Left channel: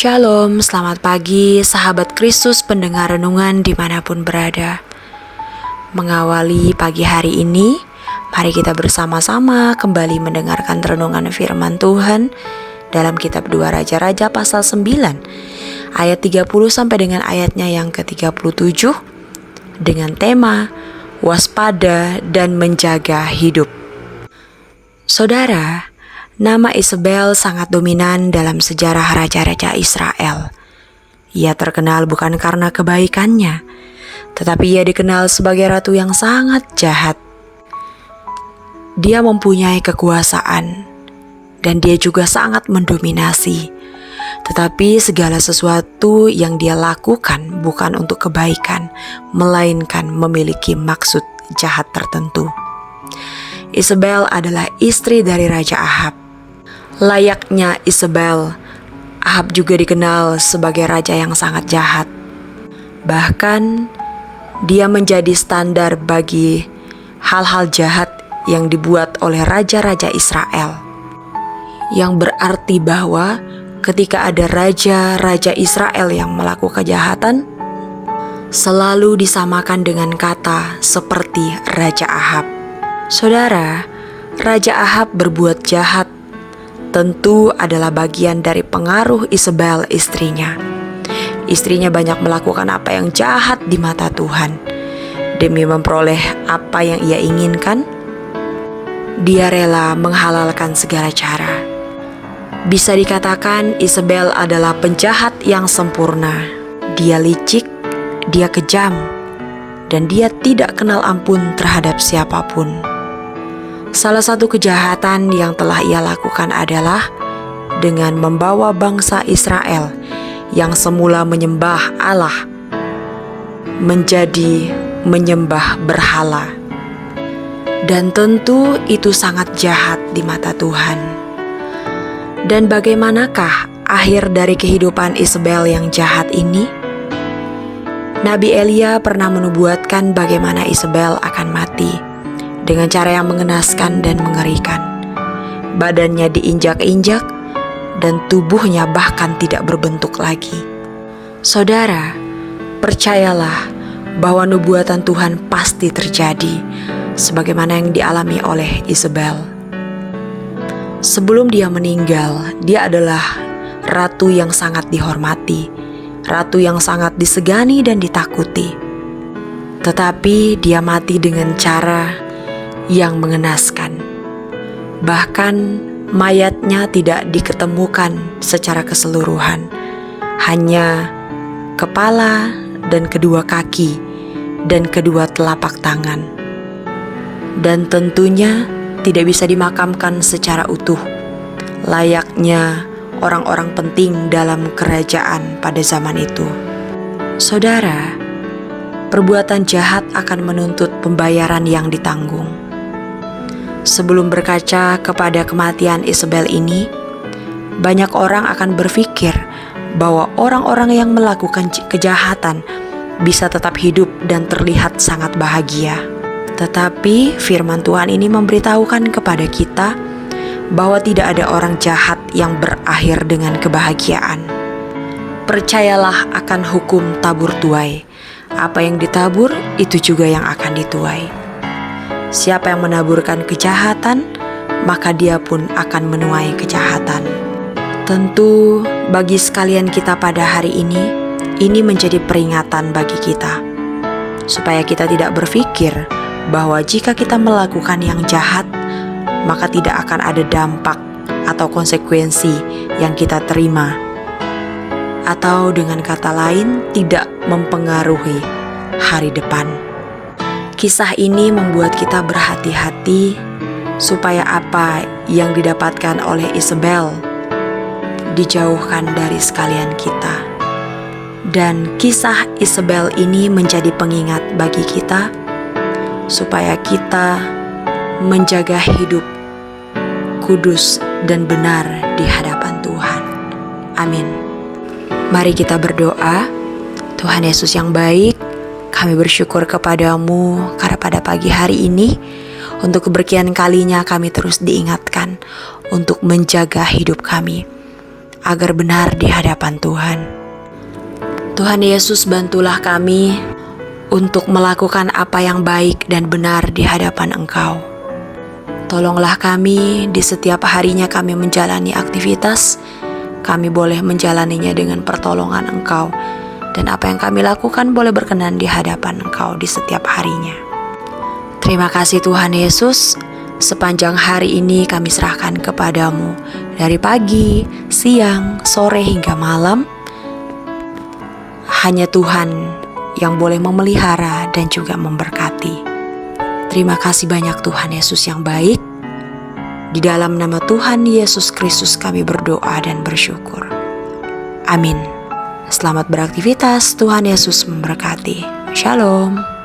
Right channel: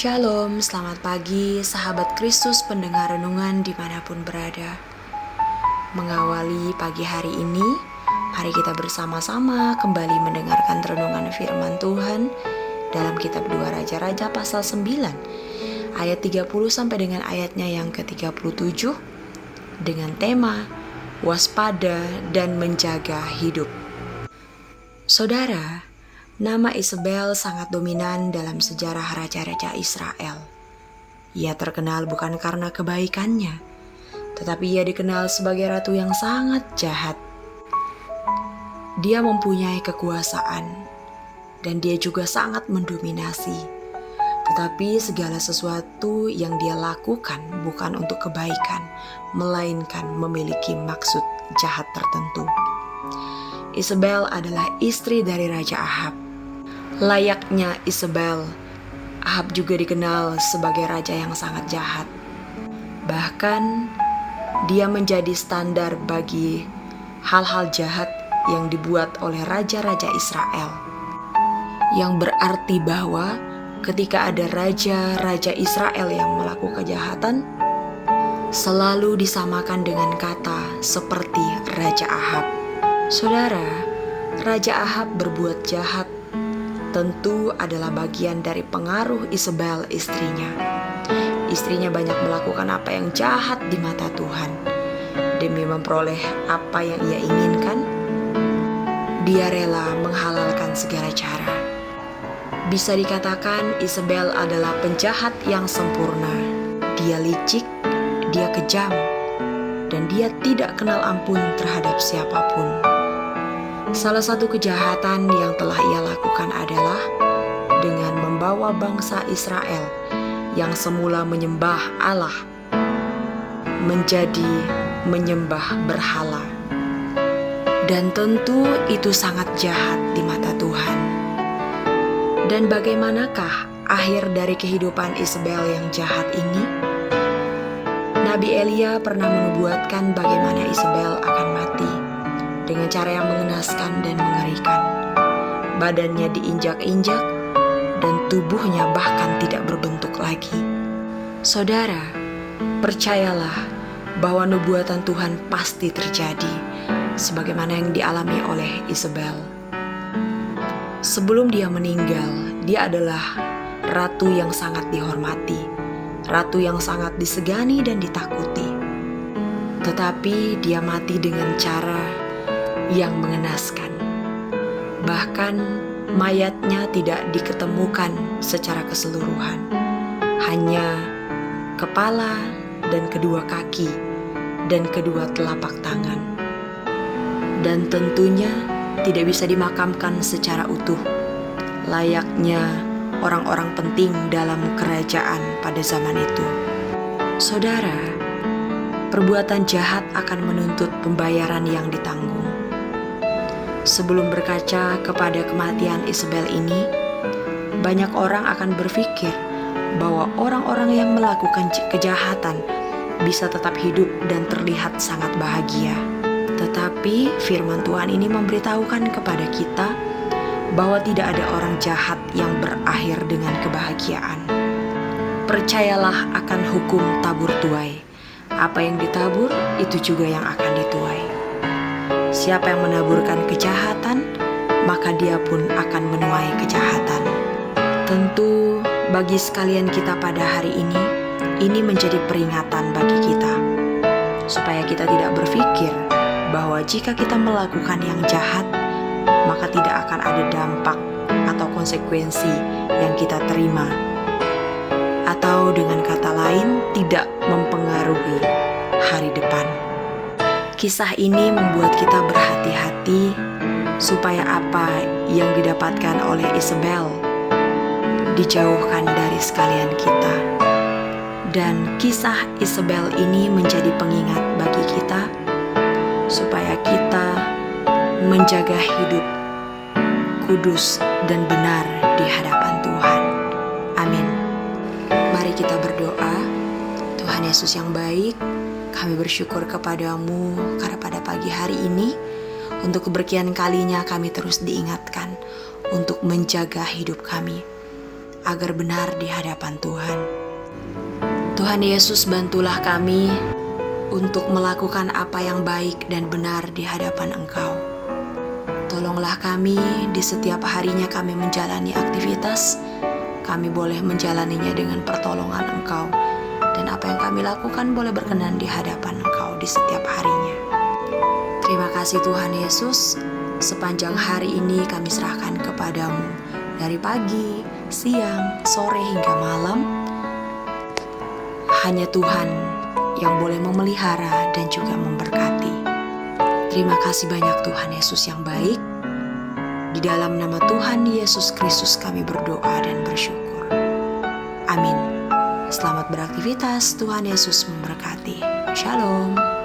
Shalom, selamat pagi sahabat Kristus pendengar renungan dimanapun berada. Mengawali pagi hari ini, mari kita bersama-sama kembali mendengarkan renungan firman Tuhan dalam kitab 2 Raja-Raja pasal 9 ayat 30 sampai dengan ayatnya yang ke-37 dengan tema waspada dan menjaga hidup. Saudara, nama Isabel sangat dominan dalam sejarah raja-raja Israel. Ia terkenal bukan karena kebaikannya, tetapi ia dikenal sebagai ratu yang sangat jahat. Dia mempunyai kekuasaan, dan dia juga sangat mendominasi. Tetapi segala sesuatu yang dia lakukan bukan untuk kebaikan, melainkan memiliki maksud jahat tertentu. Isabel adalah istri dari Raja Ahab. Layaknya Isabel, Ahab juga dikenal sebagai raja yang sangat jahat. Bahkan, dia menjadi standar bagi hal-hal jahat yang dibuat oleh raja-raja Israel. Yang berarti bahwa ketika ada raja-raja Israel yang melakukan kejahatan, selalu disamakan dengan kata seperti Raja Ahab. Saudara, Raja Ahab berbuat jahat tentu adalah bagian dari pengaruh Isabel istrinya. Istrinya banyak melakukan apa yang jahat di mata Tuhan. Demi memperoleh apa yang ia inginkan, dia rela menghalalkan segala cara. Bisa dikatakan Isabel adalah penjahat yang sempurna. Dia licik, dia kejam, dan dia tidak kenal ampun terhadap siapapun. Salah satu kejahatan yang telah ia lakukan adalah dengan membawa bangsa Israel yang semula menyembah Allah menjadi menyembah berhala. Dan tentu itu sangat jahat di mata Tuhan. Dan bagaimanakah akhir dari kehidupan Isabel yang jahat ini? Nabi Elia pernah menubuatkan bagaimana Isabel akan mati dengan cara yang mengenaskan dan mengerikan. Badannya diinjak-injak dan tubuhnya bahkan tidak berbentuk lagi. Saudara, percayalah bahwa nubuatan Tuhan pasti terjadi sebagaimana yang dialami oleh Isabel. Sebelum dia meninggal, dia adalah ratu yang sangat dihormati, ratu yang sangat disegani dan ditakuti. Tetapi dia mati dengan cara yang mengenaskan. Bahkan mayatnya tidak diketemukan secara keseluruhan, hanya kepala dan kedua kaki dan kedua telapak tangan. Dan tentunya tidak bisa dimakamkan secara utuh, layaknya orang-orang penting dalam kerajaan pada zaman itu. Saudara, perbuatan jahat akan menuntut pembayaran yang ditanggung. Sebelum berkaca kepada kematian Isabel ini, banyak orang akan berpikir bahwa orang-orang yang melakukan kejahatan bisa tetap hidup dan terlihat sangat bahagia. Tetapi firman Tuhan ini memberitahukan kepada kita bahwa tidak ada orang jahat yang berakhir dengan kebahagiaan. Percayalah akan hukum tabur tuai. Apa yang ditabur, itu juga yang akan dituai. Siapa yang menaburkan kejahatan, maka dia pun akan menuai kejahatan. Tentu bagi sekalian kita pada hari ini menjadi peringatan bagi kita, supaya kita tidak berpikir bahwa jika kita melakukan yang jahat, maka tidak akan ada dampak atau konsekuensi yang kita terima. Atau dengan kata lain, tidak mempengaruhi hari depan. Kisah ini membuat kita berhati-hati supaya apa yang didapatkan oleh Isabel dijauhkan dari sekalian kita. Dan kisah Isabel ini menjadi pengingat bagi kita supaya kita menjaga hidup kudus dan benar di hadapan Tuhan. Amin. Mari kita berdoa. Tuhan Yesus yang baik, kami bersyukur kepadamu karena pada pagi hari ini untuk keberkian kalinya kami terus diingatkan untuk menjaga hidup kami. agar benar di hadapan Tuhan. Tuhan Yesus, bantulah kami untuk melakukan apa yang baik dan benar di hadapan Engkau. Tolonglah kami di setiap harinya kami menjalani aktivitas, kami boleh menjalaninya dengan pertolongan Engkau, dan apa yang kami lakukan boleh berkenan di hadapan Engkau di setiap harinya. Terima kasih Tuhan Yesus, sepanjang hari ini kami serahkan kepadamu, dari pagi, siang, sore hingga malam. Hanya Tuhan yang boleh memelihara dan juga memberkati. Terima kasih banyak Tuhan Yesus yang baik. Di dalam nama Tuhan Yesus Kristus kami berdoa dan bersyukur. Amin. Selamat beraktivitas, Tuhan Yesus memberkati. Shalom.